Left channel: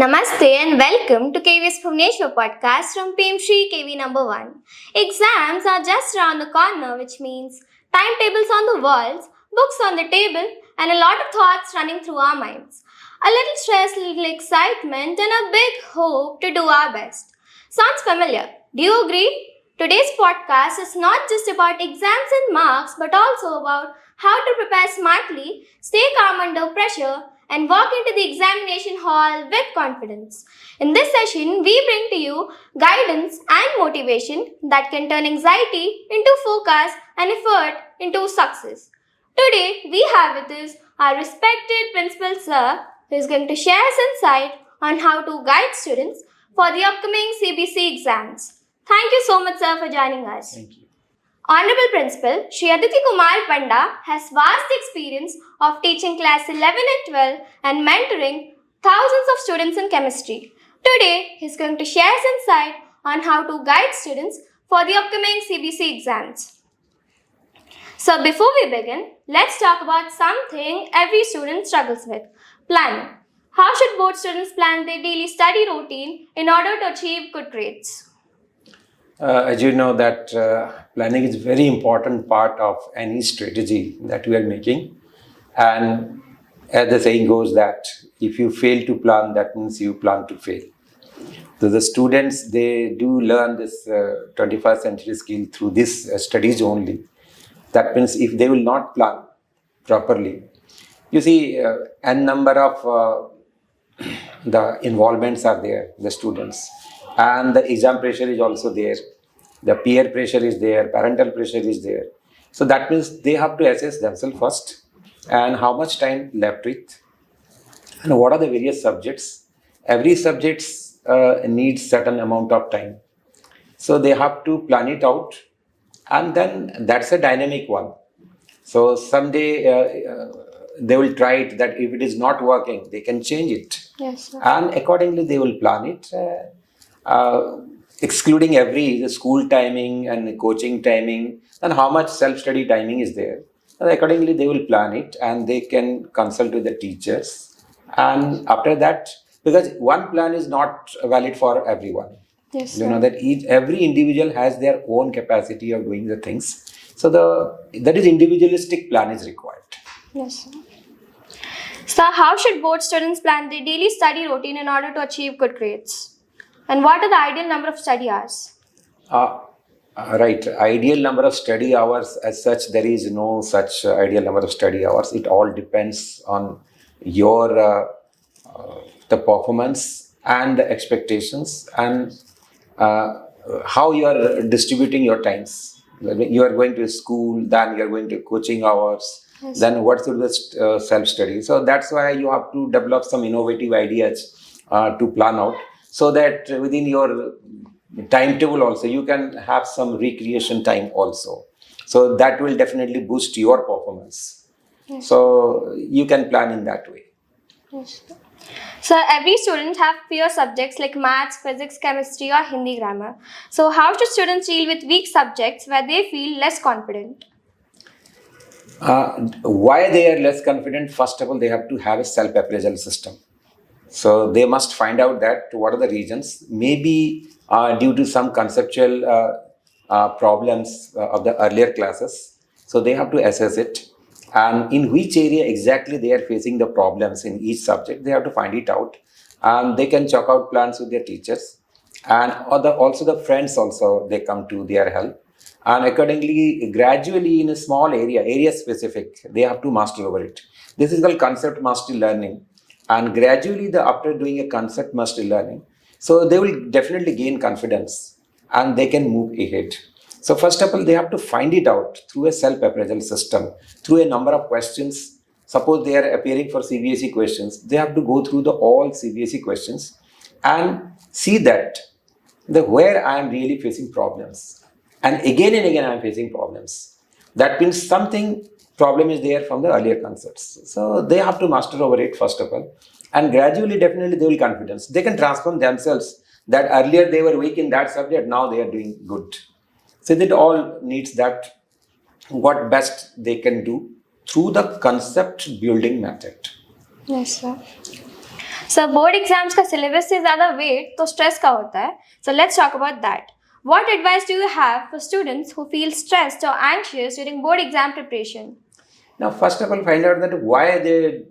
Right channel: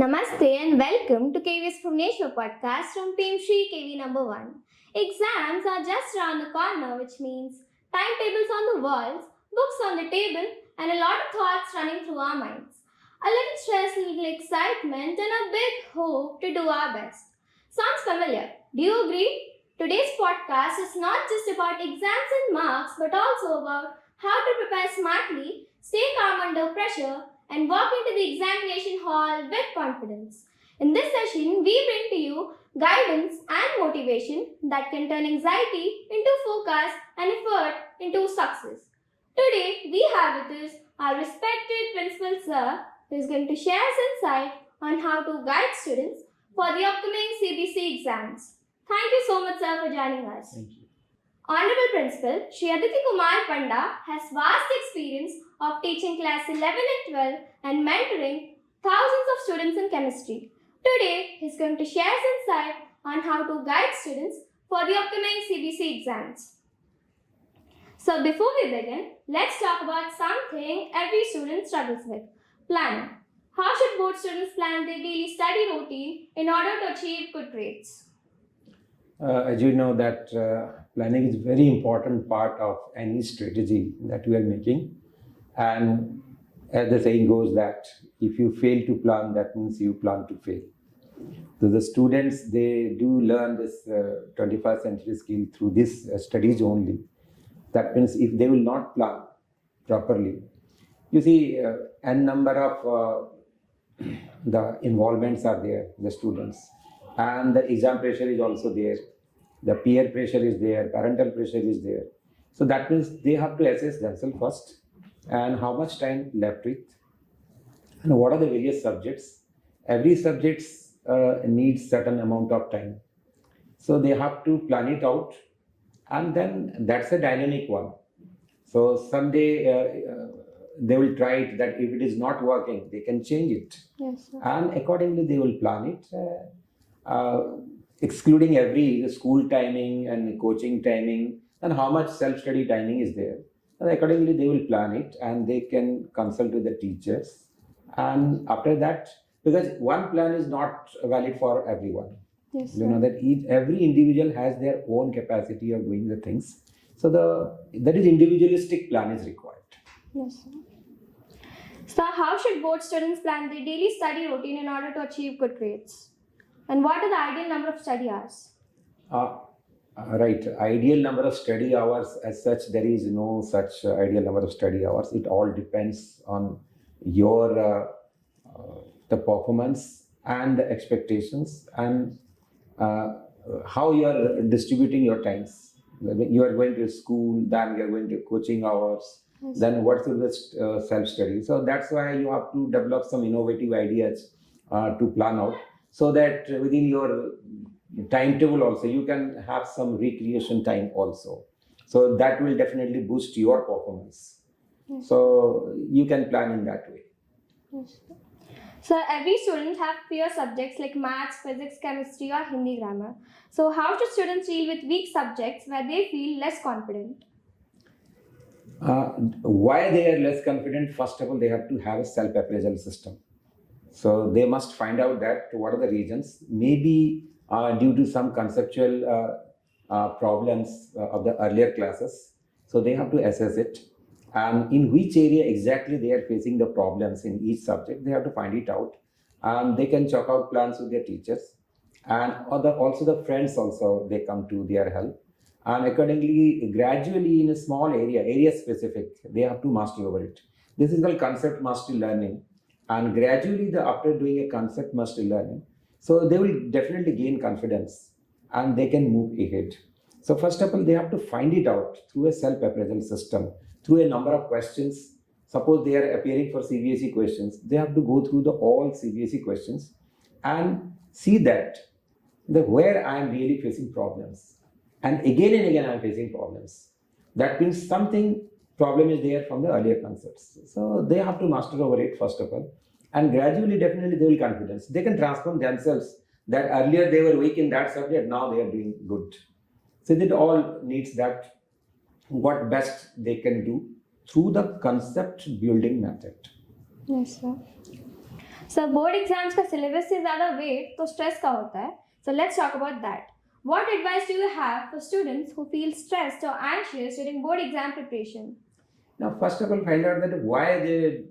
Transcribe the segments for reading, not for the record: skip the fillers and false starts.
Namaste and welcome to KVS Bhubaneswar podcast from PMSHRI KV number 1. Exams are just around the corner, which means timetables on the walls, books on the table, and a lot of thoughts running through our minds. A little stress, a little excitement, and a big hope to do our best. Sounds familiar? Do you agree? Today's podcast is not just about exams and marks, but also about how to prepare smartly, stay calm under pressure, and walk into the examination hall with confidence. In this session, we bring to you guidance and motivation that can turn anxiety into focus and effort into success. Today, we have with us our respected principal sir, who is going to share his insight on how to guide students for the upcoming CBSE exams. Thank you so much, sir, for joining us. Thank you. Honorable Principal Shri Kumar Panda has vast experience of teaching class 11 and 12 and mentoring thousands of students in chemistry. Today, he is going to share his insight on how to guide students for the upcoming CBSE exams. So before we begin, let's talk about something every student struggles with: planning. How should board students plan their daily study routine in order to achieve good grades? As you know that planning is very important part of any strategy that we are making, and as the saying goes that if you fail to plan, that means you plan to fail. So the students, they do learn this 21st century skill through this studies only. That means if they will not plan properly, you see n number of the involvements are there, the students. And the exam pressure is also there. The peer pressure is there. Parental pressure is there. So that means they have to assess themselves first and how much time left with and what are the various subjects. Every subject needs certain amount of time. So they have to plan it out, and then that's a dynamic one. So someday they will try it, that if it is not working, they can change it. Yes, sir. And accordingly they will plan it. Excluding every school timing and coaching timing, and how much self-study timing is there. And accordingly, they will plan it and they can consult with the teachers. And after that, because one plan is not valid for everyone. Yes, You sir. know that every individual has their own capacity of doing the things. So that is individualistic plan is required. Yes, sir. So, how should board students plan their daily study routine in order to achieve good grades? And what are the ideal number of study hours? Right. Ideal number of study hours as such, there is no such ideal number of study hours. It all depends on your the performance and the expectations and how you are distributing your times. You are going to school, then you are going to coaching hours, Yes. then what should the self-study. So that's why you have to develop some innovative ideas to plan out, so that within your timetable also you can have some recreation time also. So that will definitely boost your performance. Yes. So you can plan in that way. Yes. So, every student have fewer subjects like maths, physics, chemistry, or Hindi grammar. So, how should students deal with weak subjects where they feel less confident? Why they are less confident? First of all, they have to have a self-appraisal system. So they must find out that what are the reasons, maybe due to some conceptual problems of the earlier classes. So they have to assess it, and in which area exactly they are facing the problems in each subject, they have to find it out. And they can chalk out plans with their teachers, and also the friends also, they come to their help. And accordingly, gradually in a small area specific, they have to master over it. This is called concept mastery learning. And gradually, after doing a concept mastery learning, so they will definitely gain confidence and they can move ahead. So first of all, they have to find it out through a self-appraisal system, through a number of questions. Suppose they are appearing for CBSE questions, they have to go through all CBSE questions and see that where I am really facing problems. And again I am facing problems. That means something problem is there from the earlier concepts. So they have to master over it first of all. And gradually, definitely they will confidence. They can transform themselves, that earlier they were weak in that subject, now they are doing good. So it all needs that what best they can do through the concept building method. Yes, sir. So board exams का syllabus से ज़्यादा weight तो stress का होता है. So let's talk about that. What advice do you have for students who feel stressed or anxious during board exam preparation? Now, first of all, find out that why they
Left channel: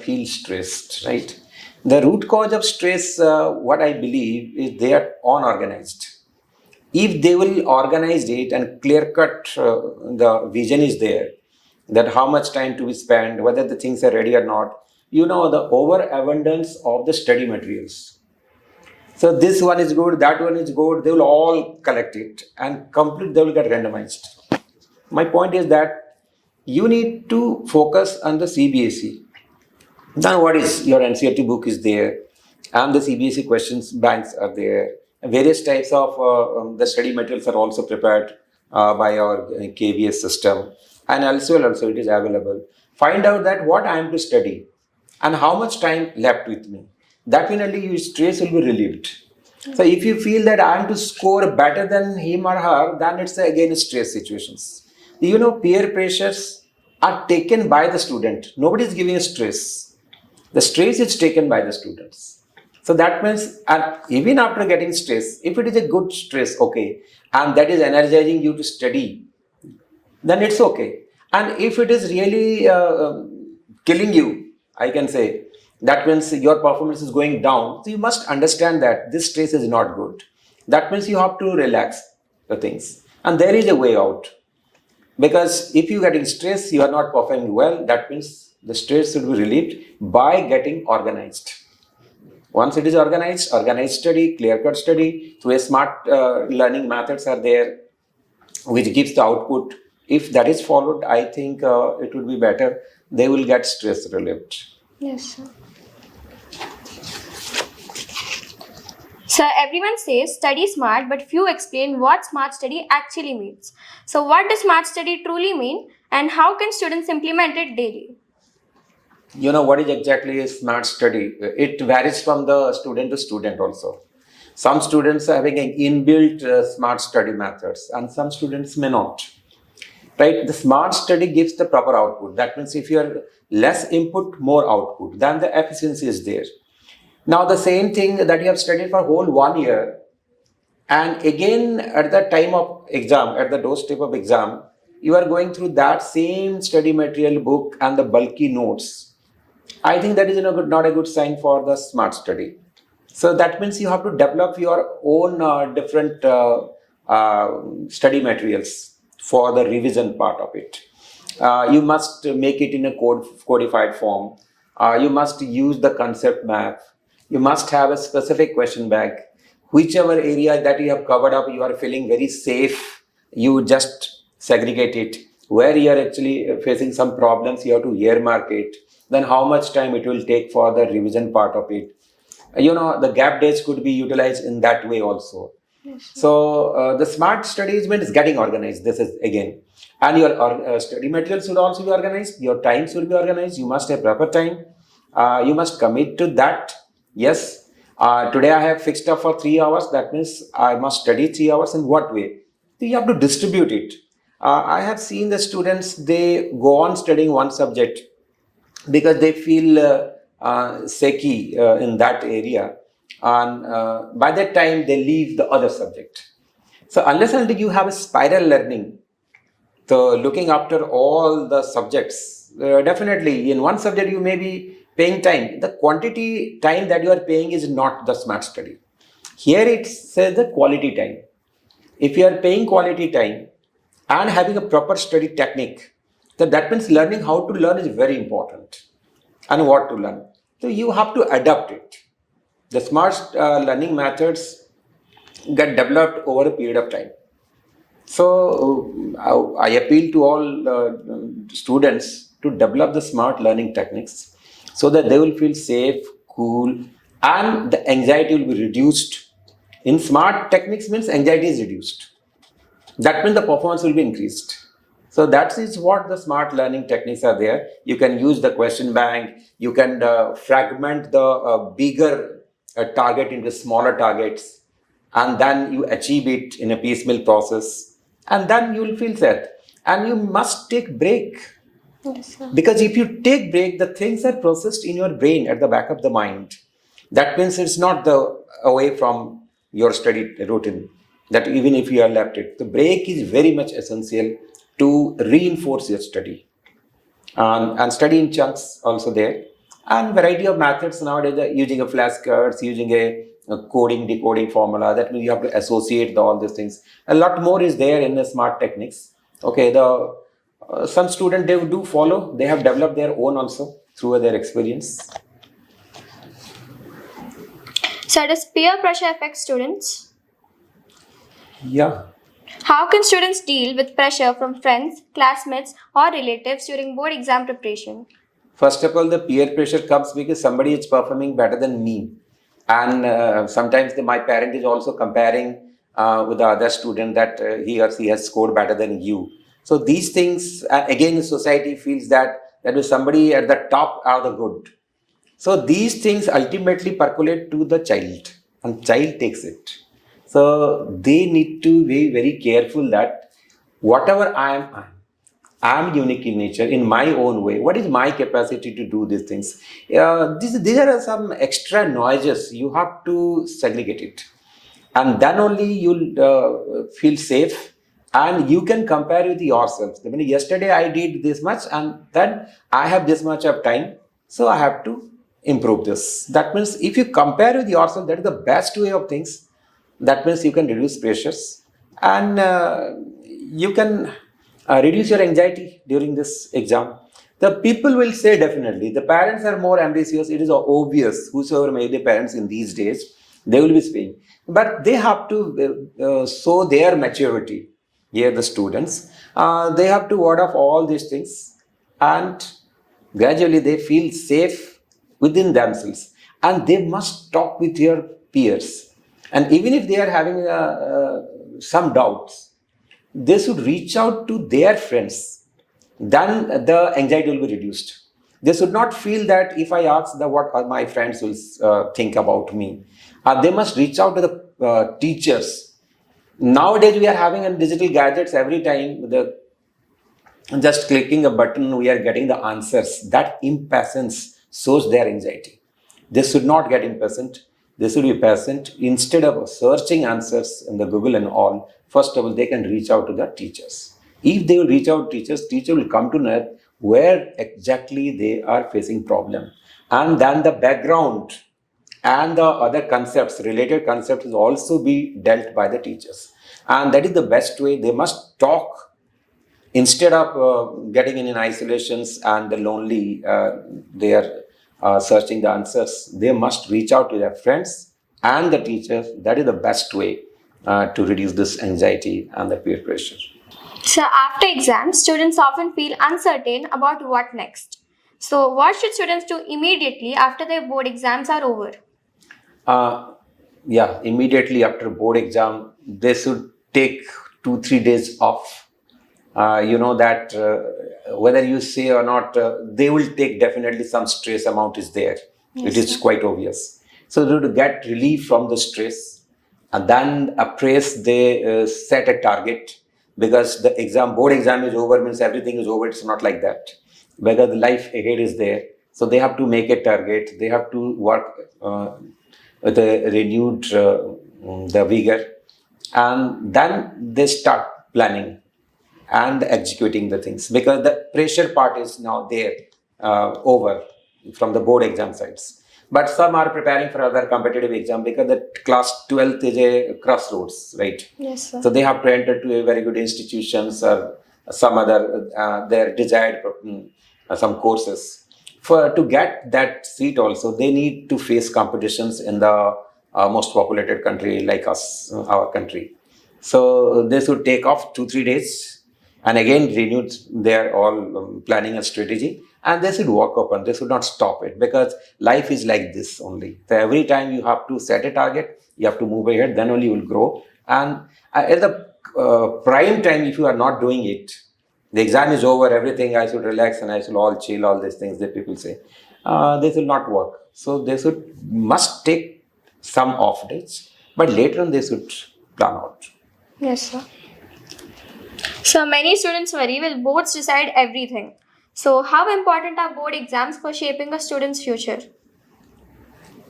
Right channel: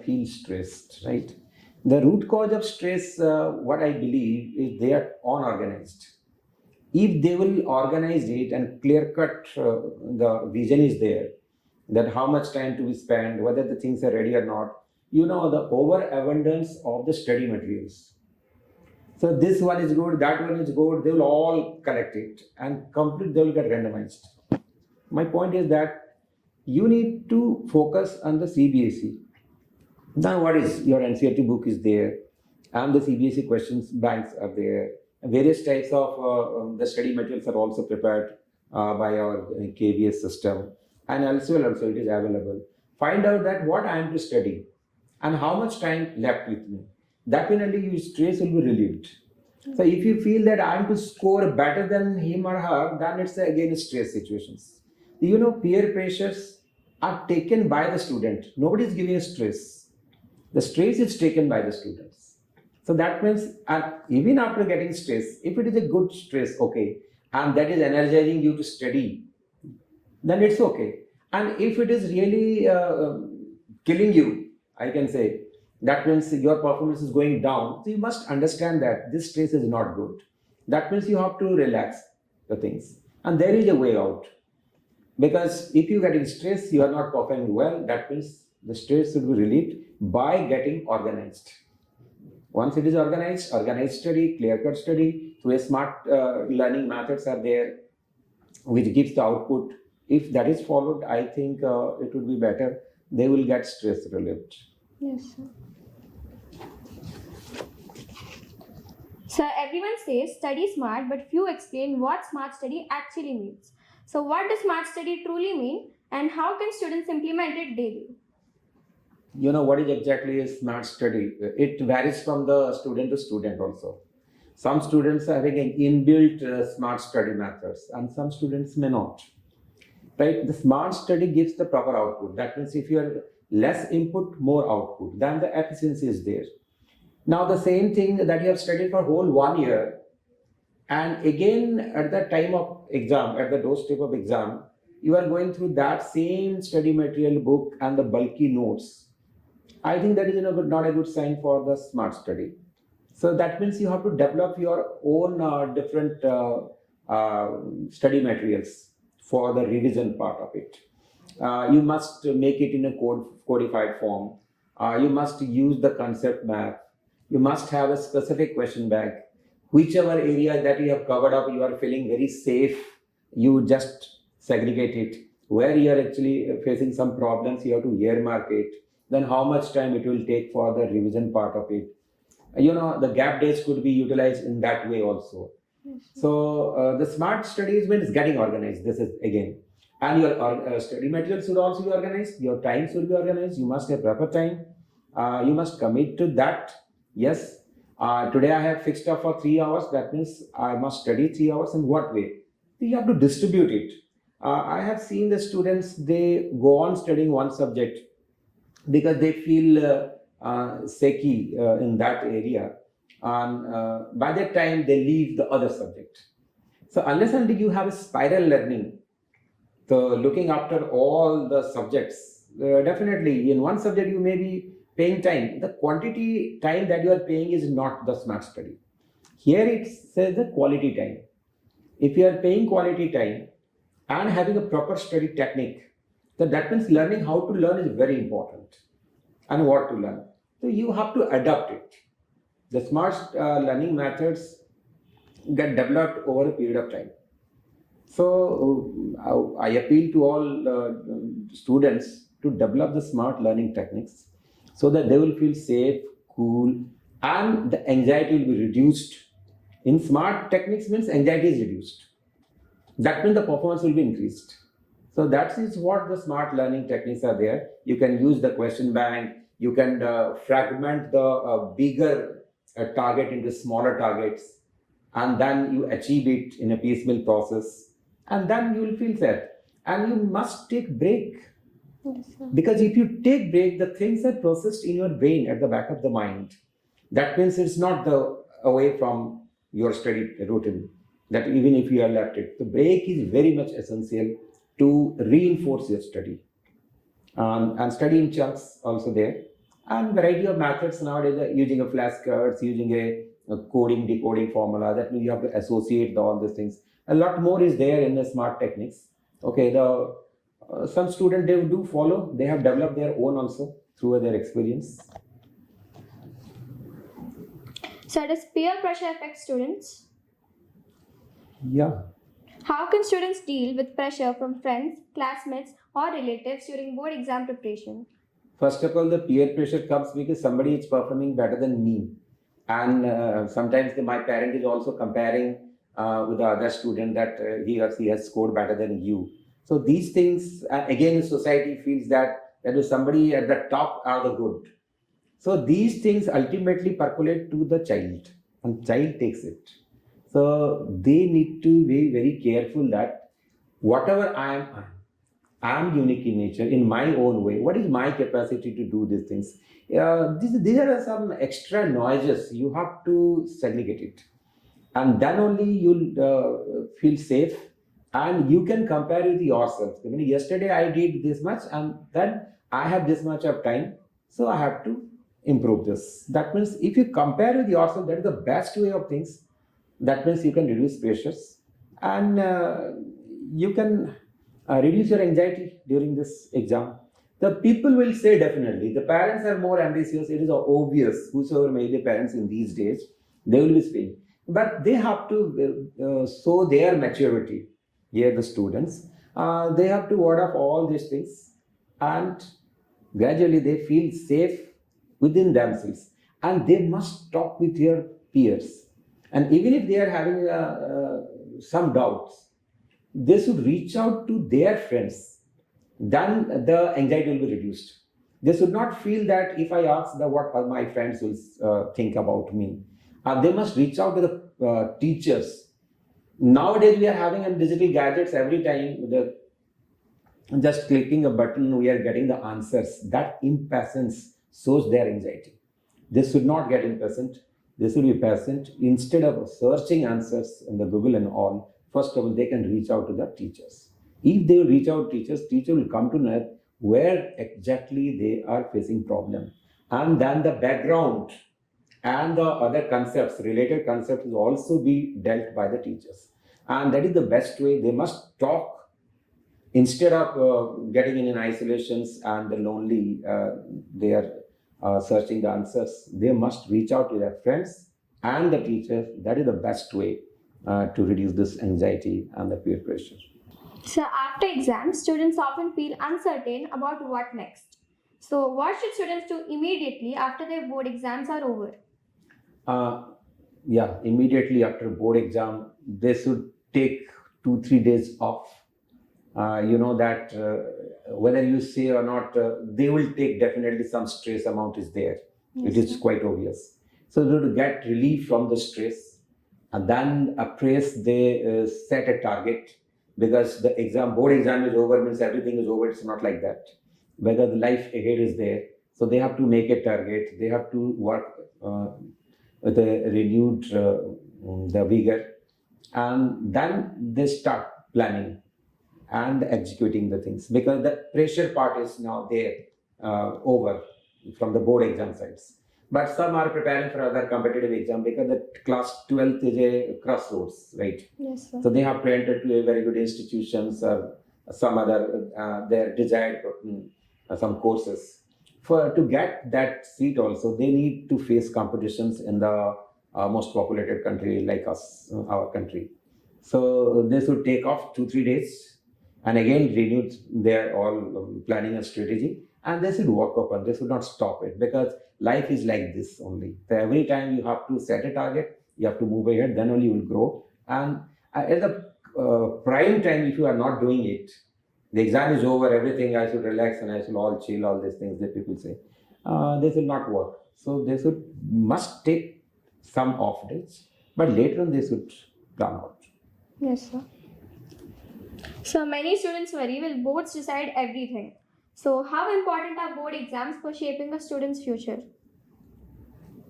feel stressed, right? The root cause of stress, what I believe, is they are unorganized. If they will organize it and clear cut, the vision is there, that how much time to be spent, whether the things are ready or not, the overabundance of the study materials. So this one is good, that one is good, they will all collect it and complete, they will get randomized. My point is that you need to focus on the CBSE. Now, what is your NCERT book is there, and the CBSE questions banks are there. Various types of the study materials are also prepared by our KVS system, and elsewhere also it is available. Find out that what I am to study and how much time left with me. That will only your stress will be relieved. So if you feel that I am to score better than him or her, then it's again stress situations. Peer pressures are taken by the student. Nobody is giving stress. The stress is taken by the students. So that means, and even after getting stress, if it is a good stress, okay, and that is energizing you to study, then it's okay. And if it is really killing you, I can say, that means your performance is going down. So you must understand that this stress is not good. That means you have to relax the things. And there is a way out. Because if you get in stress, you are not performing well, that means the stress should be relieved by getting organized. Once it is organized study, clear-cut study, through a smart learning methods are there, which gives the output. If that is followed, I think it would be better. They will get stress relieved. Yes, sir. So everyone says study smart, but few explain what smart study actually means. So what does smart study truly mean, and how can students implement it daily? What is exactly a smart study? It varies from the student to student also. Some students are having an inbuilt smart study methods, and some students may not. Right? The smart study gives the proper output. That means if you are less input, more output, then the efficiency is there. Now, the same thing that you have studied for whole 1 year, and again at the time of exam, at the doorstep of exam, you are going through that same study material book and the bulky notes. I think that is not a good sign for the smart study. So that means you have to develop your own different study materials for the revision part of it. You must make it in a codified form. You must use the concept map. You must have a specific question bank. Whichever area that you have covered up, you are feeling very safe, you just segregate it. Where you are actually facing some problems, you have to earmark it. Then how much time it will take for the revision part of it. The gap days could be utilized in that way also. So the smart studies means getting organized. This is again, and your study materials should also be organized. Your time should be organized. You must have proper time. You must commit to that. Yes, today I have fixed up for 3 hours. That means I must study 3 hours. In what way? So you have to distribute it. I have seen the students, they go on studying one subject because they feel shaky in that area, and by that time they leave the other subject. So unless and until you have a spiral learning, so looking after all the subjects, definitely in one subject you may be paying time. The quantity time that you are paying is not the smart study. Here it says the quality time. If you are paying quality time and having a proper study technique, then that means learning how to learn is very important, and what to learn. So you have to adapt it. The smart learning methods get developed over a period of time. So I appeal to all students to develop the smart learning techniques so that they will feel safe, cool, and the anxiety will be reduced. In smart techniques means anxiety is reduced. That means the performance will be increased. So that is what the smart learning techniques are there. You can use the question bank. You can fragment the bigger target into smaller targets, and then you achieve it in a piecemeal process, and then you will feel sad. And you must take break. Yes, sir. Because if you take break, the things are processed in your brain at the back of the mind. That means it's not the away from your study routine. That even if you are left it, the break is very much essential to reinforce your study. And study in chunks also there, and variety of methods nowadays, using a flashcards, using a coding decoding formula. That means you have to associate all these things. A lot more is there in the smart techniques. Okay, the some student they do follow, they have developed their own also through their experience. So does peer pressure affect students? Yeah. How can students deal with pressure from friends, classmates, or relatives during board exam preparation? First of all, the peer pressure comes because somebody is performing better than me, and sometimes my parent is also comparing with the other student that he or she has scored better than you. So these things, again, society feels that if somebody at the top are the good. So these things ultimately percolate to the child, and child takes it. So they need to be very careful that whatever I am unique in nature, in my own way. What is my capacity to do these things? These are some extra noises. You have to segregate it, and then only you'll feel safe, and you can compare with yourself. I mean, yesterday I did this much, and then I have this much of time, so I have to improve this. That means if you compare with yourself, that is the best way of things. That means you can reduce pressures, and you can reduce your anxiety during this exam. The people will say definitely the parents are more ambitious. It is obvious. Whosoever may be parents in these days, they will be saying, but they have to show their maturity. Here, the students, they have to ward off all these things, and gradually they feel safe within themselves, and they must talk with their peers. And even if they are having some doubts, they should reach out to their friends. Then the anxiety will be reduced. They should not feel that if I ask what my friends will think about me. They must reach out to the teachers. Nowadays, we are having digital gadgets every time. Just clicking a button, we are getting the answers. That impatience shows their anxiety. They should not get impatient. They should be patient. Instead of searching answers in the Google and all, first of all, they can reach out to the teachers. If they will reach out to teachers, teacher will come to know where exactly they are facing problem. And then the background and the other concepts, related concepts, will also be dealt by the teachers. And that is the best way. They must talk instead of getting in isolations and the lonely. They are searching the answers. They must reach out to their friends and the teachers. That is the best way to reduce this anxiety and the peer pressure. So after exams, students often feel uncertain about what next. So what should students do immediately after their board exams are over? Yeah, immediately after board exam, they should take 2 3 days off. You know that whether you say or not, they will take definitely some stress amount is there. Yes, it is sir. quite obvious. So to get relief from the stress, and then appraise, they set a target, because the board exam is over means everything is over. It's not like that. Whether the life ahead is there, so they have to make a target. They have to work with a renewed the vigor, and then they start planning and executing the things, because the pressure part is now there, over from the board exam sides. But some are preparing for other competitive exam, because the class 12th is a crossroads, right? Yes, sir. So they have to enter to a very good institutions or some other their desired some courses. For to get that seat also, they need to face competitions in the most populated country like us, our country. So they should take off 2 3 days, and again renewed their all planning and strategy, and they should work upon. They should not stop it, because life is like this only. So every time you have to set a target, you have to move ahead. Then only you will grow. And at the prime time, if you are not doing it, the exam is over, everything, I should relax and I should all chill, all these things that people say, this will not work. So they must take some off days, but later on they should plan out. Yes, sir. So many students worry, will boards decide everything? So how important are board exams for shaping a student's future?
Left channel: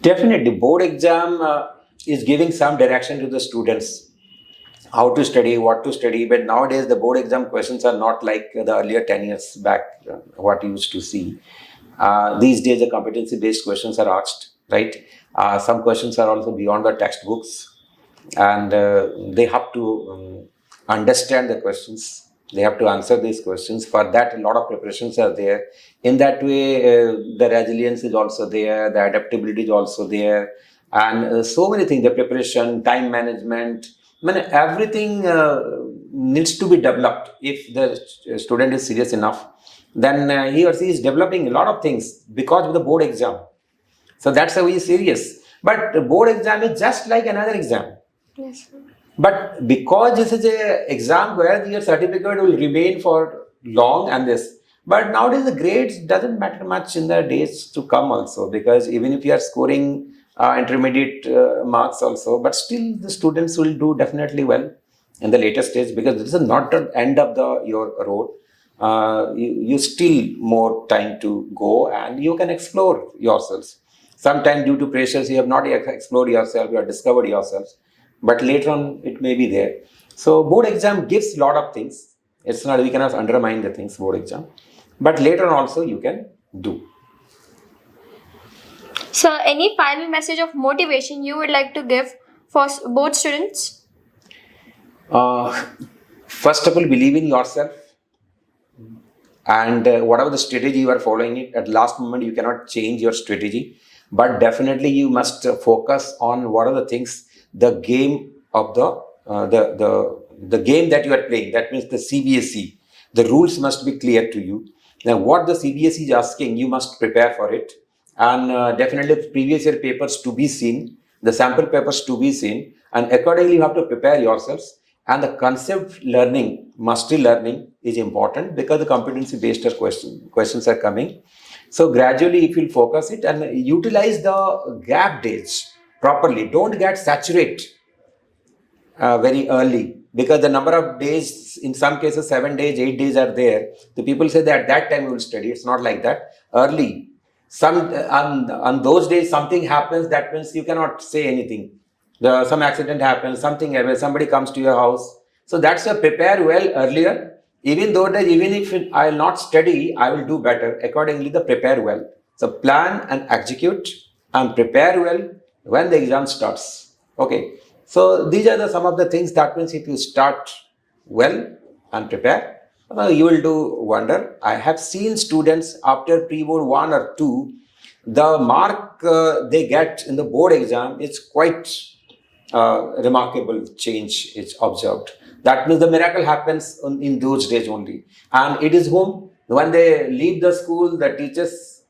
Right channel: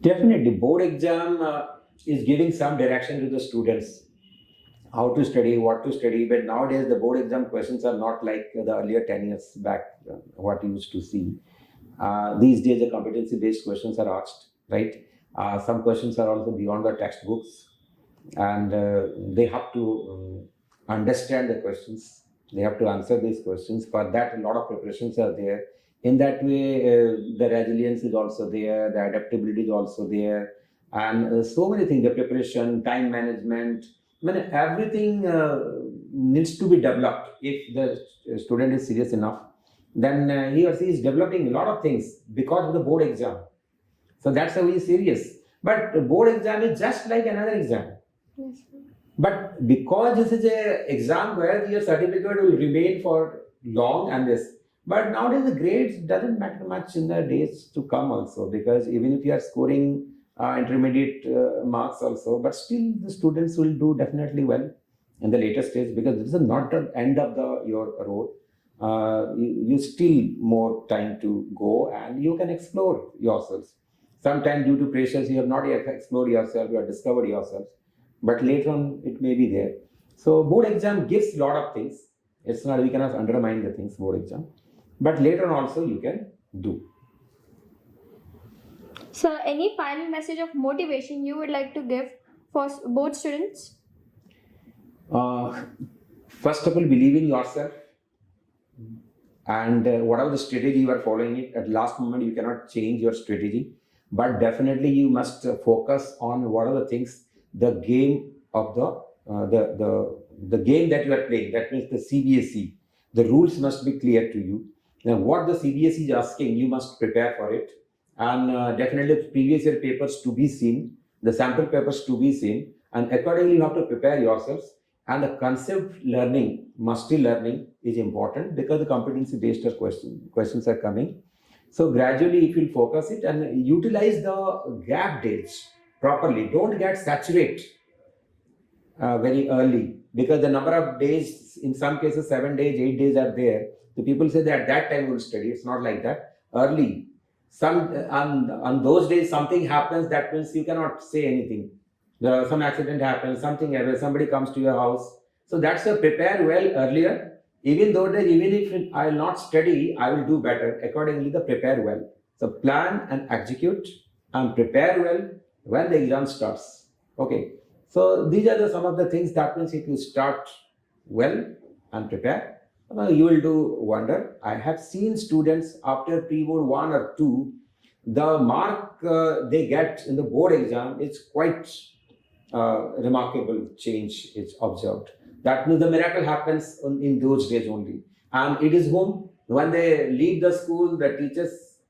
Definitely, board exam is giving some direction to the students how to study, what to study. But nowadays, the board exam questions are not like the earlier 10 years back, what you used to see. These days, the competency-based questions are asked, right? Some questions are also beyond the textbooks, and they have to understand the questions. They have to answer these questions. For that, a lot of preparations are there. In that way, the resilience is also there, the adaptability is also there, and so many things. The preparation, time management, I mean, everything needs to be developed. If the student is serious enough, then he or she is developing a lot of things because of the board exam. So that's how he is serious. But the board exam is just like another exam. Yes. But because this is a exam where your certificate will remain for long and this, but nowadays the grades doesn't matter much in the days to come also, because even if you are scoring intermediate marks also, but still the students will do definitely well in the later stage, because this is not the end of your road. You still more time to go and you can explore yourselves. Sometimes due to pressures you have not yet explored yourself, you have discovered yourselves, but later on it may be there. So board exam gives a lot of things. It's not, we cannot undermine the things board exam, but later on also you can do. So, any final message of motivation you would like to give for both students? First of all, believe in yourself, and whatever the strategy you are following it at last moment you cannot change your strategy, but definitely you must focus on what are the things, the game of the game that you are playing, that means the CBSE, the rules must be clear to you. Now what the CBSE is asking, you must prepare for it, and definitely previous year papers to be seen, the sample papers to be seen, and accordingly you have to prepare yourselves. And the concept learning, mastery learning is important, because the competency based questions are coming. So gradually if you focus it and utilize the gap days properly, don't get saturated very early, because the number of days, in some cases 7 days, 8 days are there. The people say that at that time we will study. It's not like that. Early, on those days something happens, that means you cannot say anything. Some accident happens, something happens, somebody comes to your house. So that's a prepare well earlier. Even though that, even if I will not study, I will do better. Accordingly, the prepare well. So plan and execute and prepare well when the exam starts. Okay. So these are some of the things. That means if you start well and prepare, you will do wonder. I have seen students after pre-board 1 or 2, the mark they get in the board exam is quite remarkable change is observed. That means the miracle happens in those days only. And it is home, when they leave the school, the teachers,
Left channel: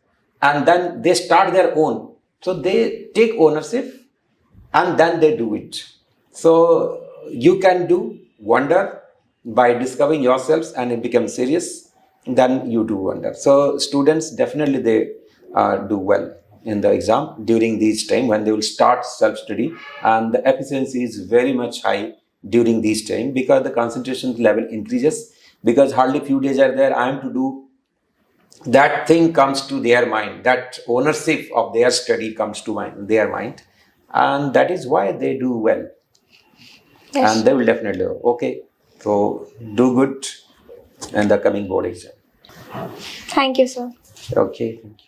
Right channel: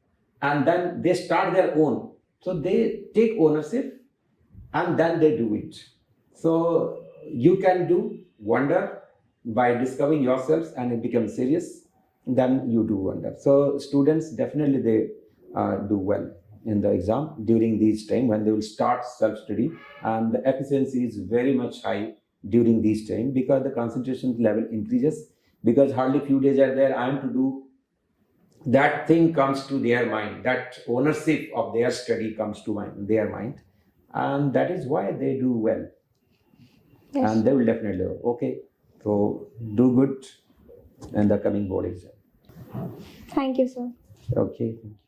and then they start their own. So they take ownership and then they do it. So you can do wonder by discovering yourselves, and it becomes serious, then you do wonder. So students definitely they do well in the exam during this time, when they will start self-study, and the efficiency is very much high during this time, because the concentration level increases, because hardly few days are there. I am to do that thing comes to their mind, that ownership of their study comes to their mind, and that is why they do well. Yes. And they will definitely okay, so do good in the coming board exam. Thank you, sir. Okay, thank you.